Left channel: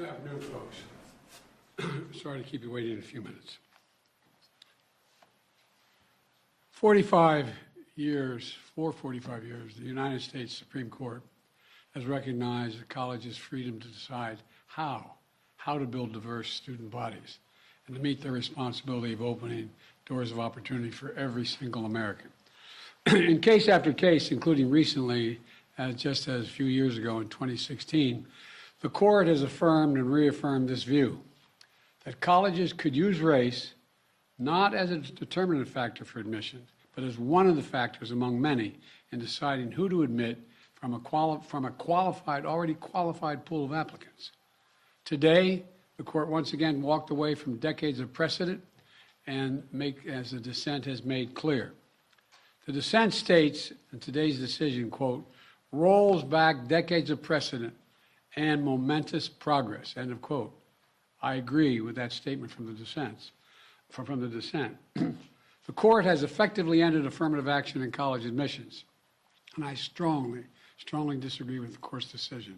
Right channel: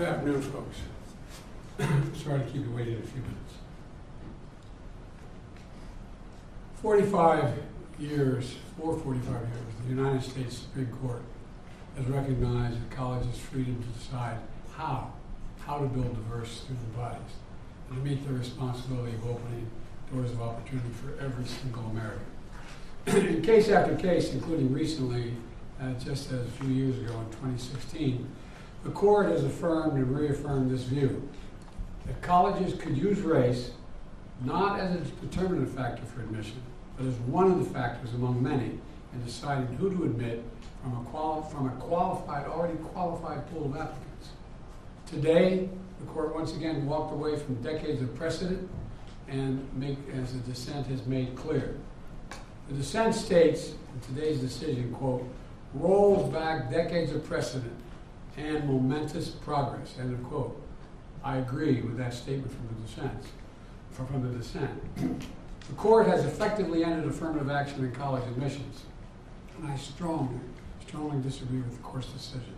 Good afternoon, folks. Sorry to keep you waiting a few minutes. 45 years, the United States Supreme Court has recognized the college's freedom to decide how to build diverse student bodies and to meet their responsibility of opening doors of opportunity for every single American. In case after case, including recently, just as a few years ago in 2016, the court has affirmed and reaffirmed this view, that colleges could use race not as a determinative factor for admission, but as one of the factors among many in deciding who to admit from a already qualified pool of applicants. Today, the court once again walked away from decades of precedent and as the dissent has made clear. The dissent states in today's decision, quote, rolls back decades of precedent and momentous progress, end of quote. I agree with that statement from the dissent. The court has effectively ended affirmative action in college admissions, and I strongly disagree with the court's decision.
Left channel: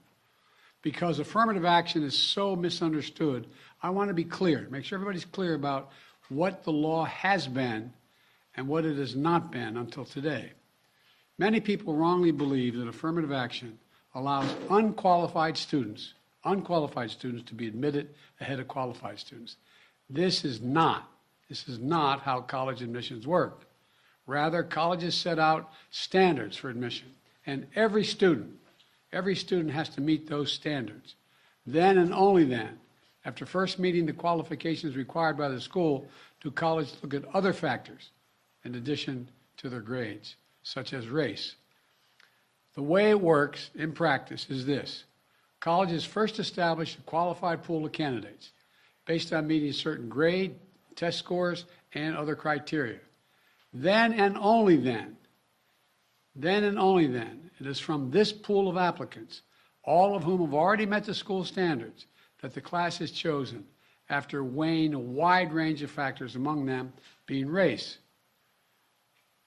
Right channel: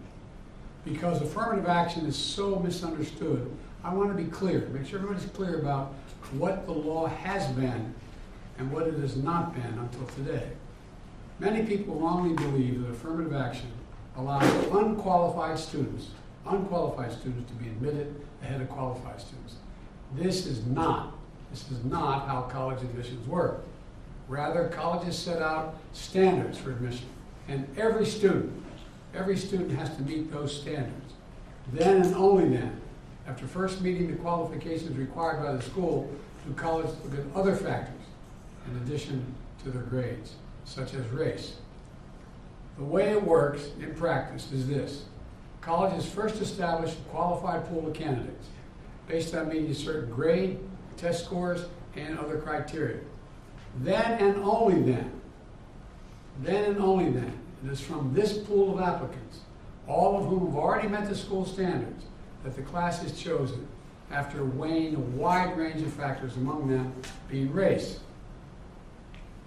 Because affirmative action is so misunderstood, I want to be clear, make sure everybody's clear about what the law has been and what it has not been until today. Many people wrongly believe that affirmative action allows unqualified students to be admitted ahead of qualified students. This is not how college admissions work. Rather, colleges set out standards for admission, and every student has to meet those standards. Then and only then, after first meeting the qualifications required by the school, do colleges look at other factors in addition to their grades, such as race. The way it works in practice is this. Colleges first establish a qualified pool of candidates based on meeting a certain grade, test scores, and other criteria. Then and only then, it is from this pool of applicants, all of whom have already met the school standards, that the class is chosen after weighing a wide range of factors, among them being race.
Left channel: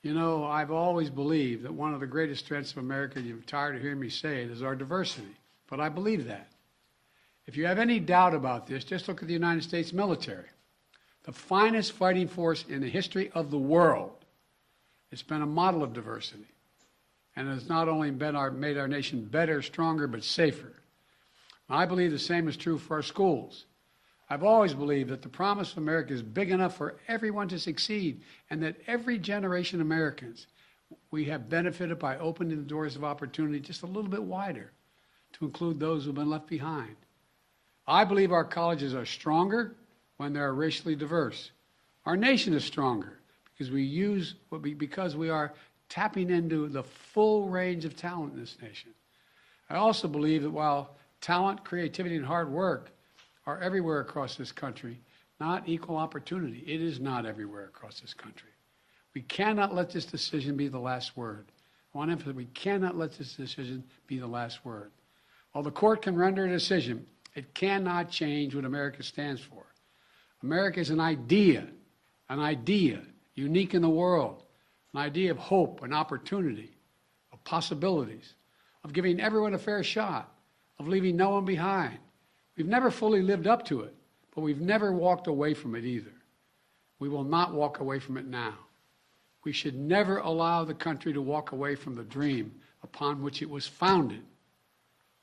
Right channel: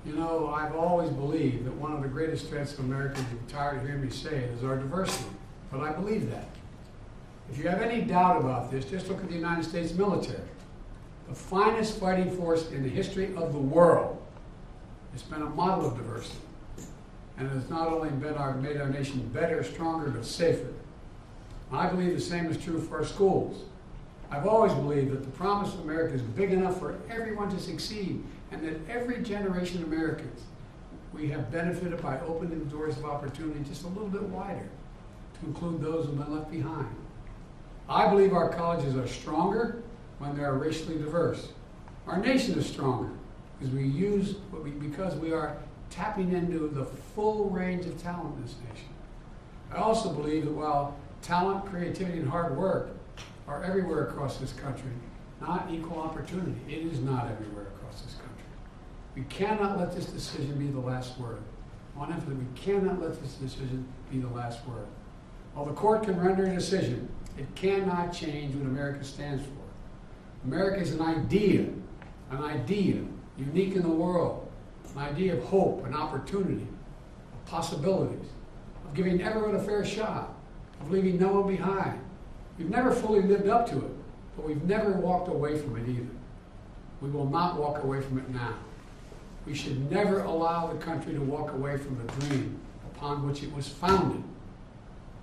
You know, I've always believed that one of the greatest strengths of America, and you're tired of hearing me say it, is our diversity. But I believe that. If you have any doubt about this, just look at the United States military. The finest fighting force in the history of the world. It's been a model of diversity. And it has not only made our nation better, stronger, but safer. I believe the same is true for our schools. I've always believed that the promise of America is big enough for everyone to succeed, and that every generation of Americans, we have benefited by opening the doors of opportunity just a little bit wider to include those who have been left behind. I believe our colleges are stronger when they are racially diverse. Our nation is stronger because we are tapping into the full range of talent in this nation. I also believe that while talent, creativity, and hard work are everywhere across this country, not equal opportunity. It is not everywhere across this country. We cannot let this decision be the last word. I want to emphasize, we cannot let this decision be the last word. While the court can render a decision, it cannot change what America stands for. America is an idea unique in the world, an idea of hope and opportunity, of possibilities, of giving everyone a fair shot, of leaving no one behind. We've never fully lived up to it, but we've never walked away from it either. We will not walk away from it now. We should never allow the country to walk away from the dream upon which it was founded.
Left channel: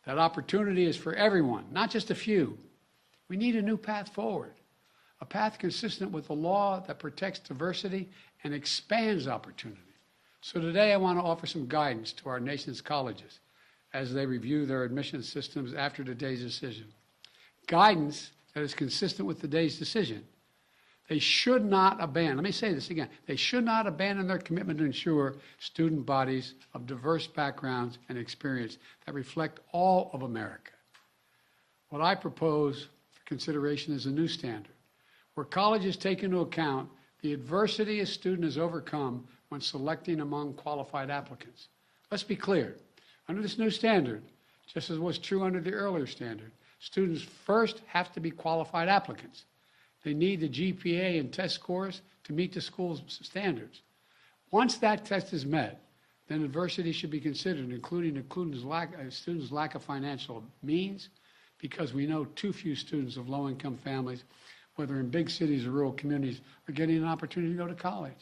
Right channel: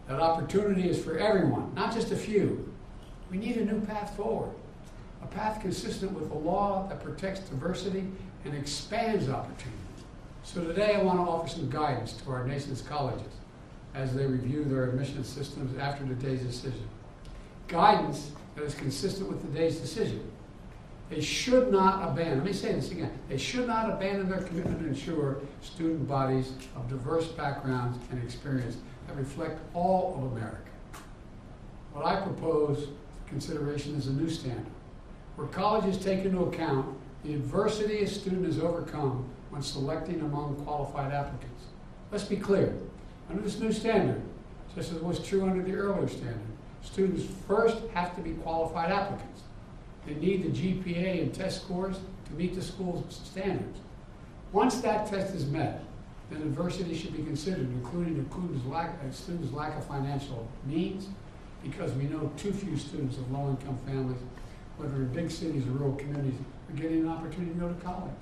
That opportunity is for everyone, not just a few. We need a new path forward, a path consistent with a law that protects diversity and expands opportunity. So today I want to offer some guidance to our nation's colleges as they review their admission systems after today's decision. Guidance that is consistent with today's decision. They should not abandon, let me say this again, they should not abandon their commitment to ensure student bodies of diverse backgrounds and experience that reflect all of America. What I propose for consideration is a new standard, where colleges take into account the adversity a student has overcome when selecting among qualified applicants. Let's be clear, under this new standard, just as was true under the earlier standard, students first have to be qualified applicants. They need the GPA and test scores to meet the school's standards. Once that test is met, then adversity should be considered, including a student's lack of financial means, because we know too few students of low-income families, whether in big cities or rural communities, are getting an opportunity to go to college.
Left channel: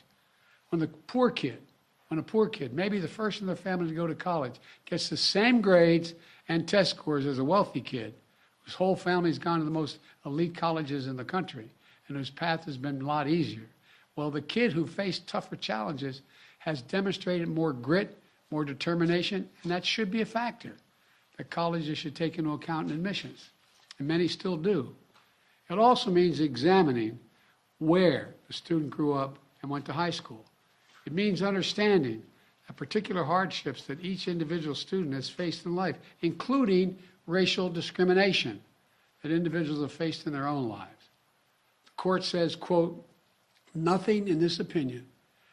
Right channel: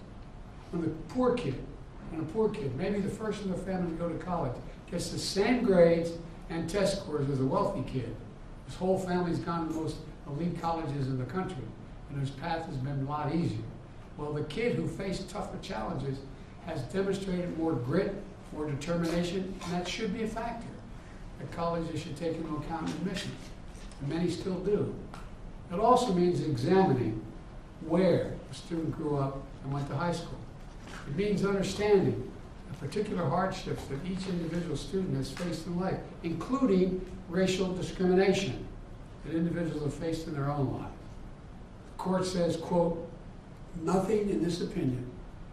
When a poor kid, maybe the first in their family to go to college, gets the same grades and test scores as a wealthy kid, his whole family's gone to the most elite colleges in the country, and whose path has been a lot easier. Well, the kid who faced tougher challenges has demonstrated more grit, more determination, and that should be a factor that colleges should take into account in admissions, and many still do. It also means examining where a student grew up and went to high school. It means understanding the particular hardships that each individual student has faced in life, including racial discrimination that individuals have faced in their own lives. The court says, quote, "Nothing in this opinion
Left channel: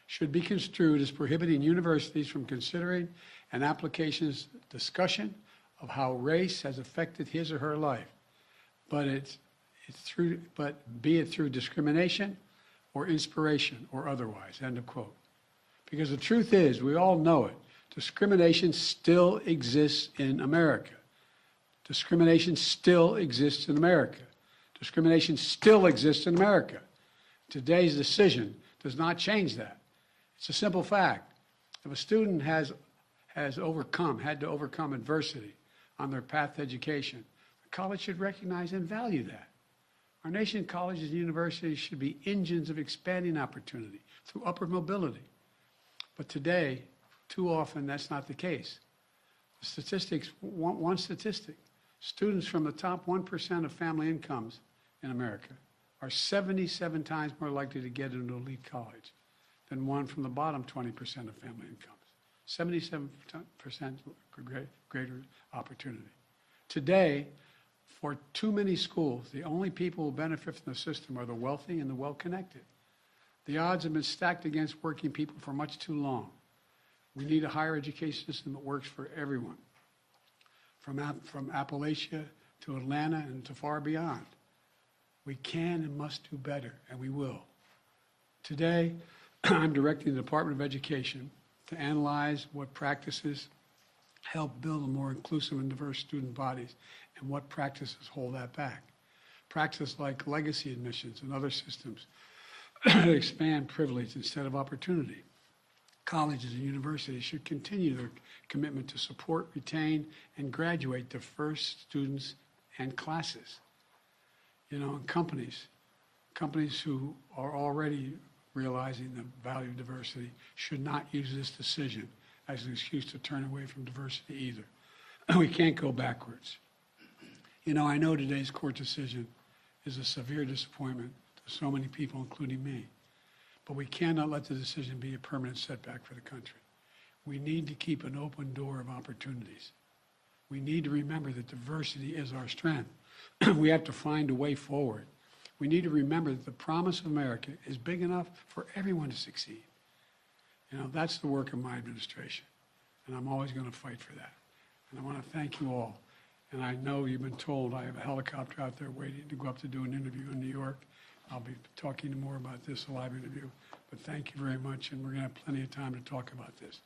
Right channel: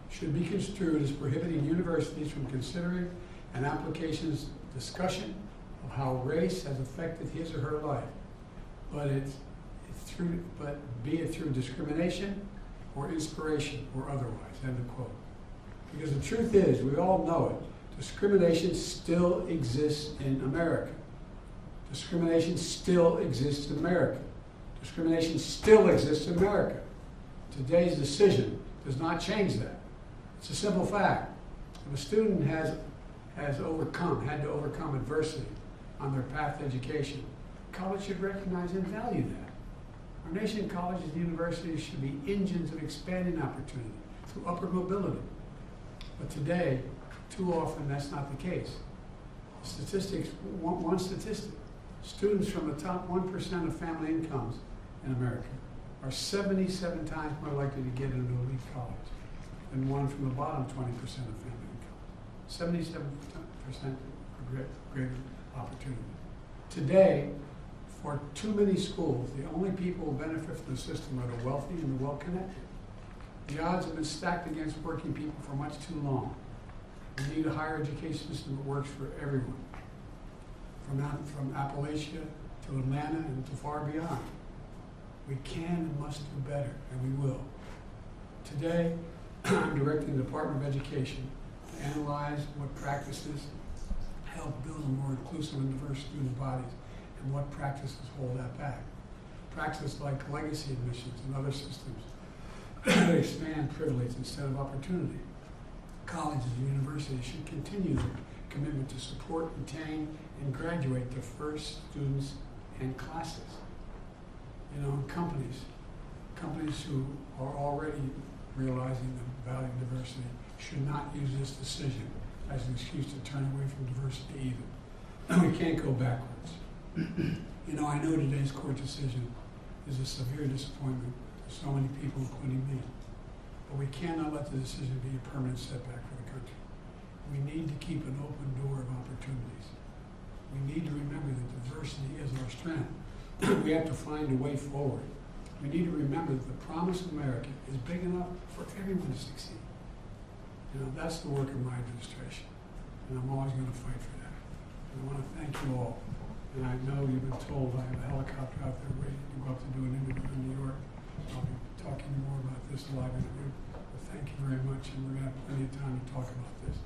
should be construed as prohibiting universities from considering an application's discussion of how race has affected his or her life, but be it through discrimination or inspiration or otherwise," end of quote. Because the truth is, we all know it, discrimination still exists in America. Discrimination still exists in America. Discrimination still exists in America. Today's decision does not change that. It's a simple fact. If a student had to overcome adversity on their path to education, college should recognize and value that. Our nation's colleges and universities should be engines of expanding opportunity through upward mobility. But today, too often, that's not the case. Statistics, one statistic, students from the top 1% of family incomes in America are 77 times more likely to get into elite college than one from the bottom 20% of family incomes. 77% greater opportunity. Today, for too many schools, the only people who benefit from the system are the wealthy and the well-connected. The odds have been stacked against working people for much too long. We need a higher education system that works for everyone, from Appalachia to Atlanta and to far beyond. We can and must do better, and we will. Today, I'm directing the Department of Education to analyze what practices help build a more inclusive and diverse student bodies and what practices hold that back. Practices like legacy admissions and other systems expand privilege instead of opportunity. Colleges and universities should continue their commitment to support, retain, and graduate diverse students and classes. You know, companies who are already realizing the value of diversity should not use this decision as an excuse to turn away from diversity either. We can't go backwards. You know, I know today's court decision is a severe disappointment to so many people, including me. But we cannot let the decision be a permanent setback for the country. We need to keep an open door of opportunities. We need to remember that diversity is our strength. We have to find a way forward. We need to remember that the promise of America is big enough for everyone to succeed. You know, that's the work of my administration, and I'm always going to fight for that. And I want to thank you all. And I know you've been told I have a helicopter out there waiting to go up to do an interview in New York. I'll be talking more about this, a live interview. But thank you very much, and we're going to have plenty of time to talk about this.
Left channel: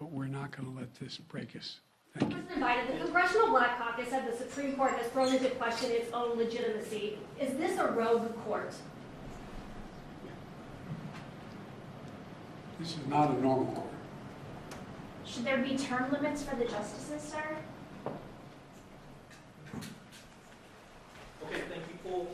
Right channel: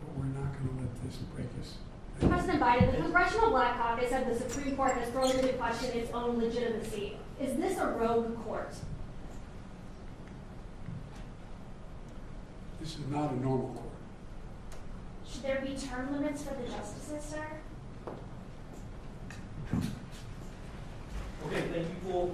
But we're not going to let this break us. President Biden, the Congressional Black Caucus said the Supreme Court has thrown into question its own legitimacy. Is this a rogue court? This is not a normal court. Should there be term limits for the justices, sir? Okay, thank you for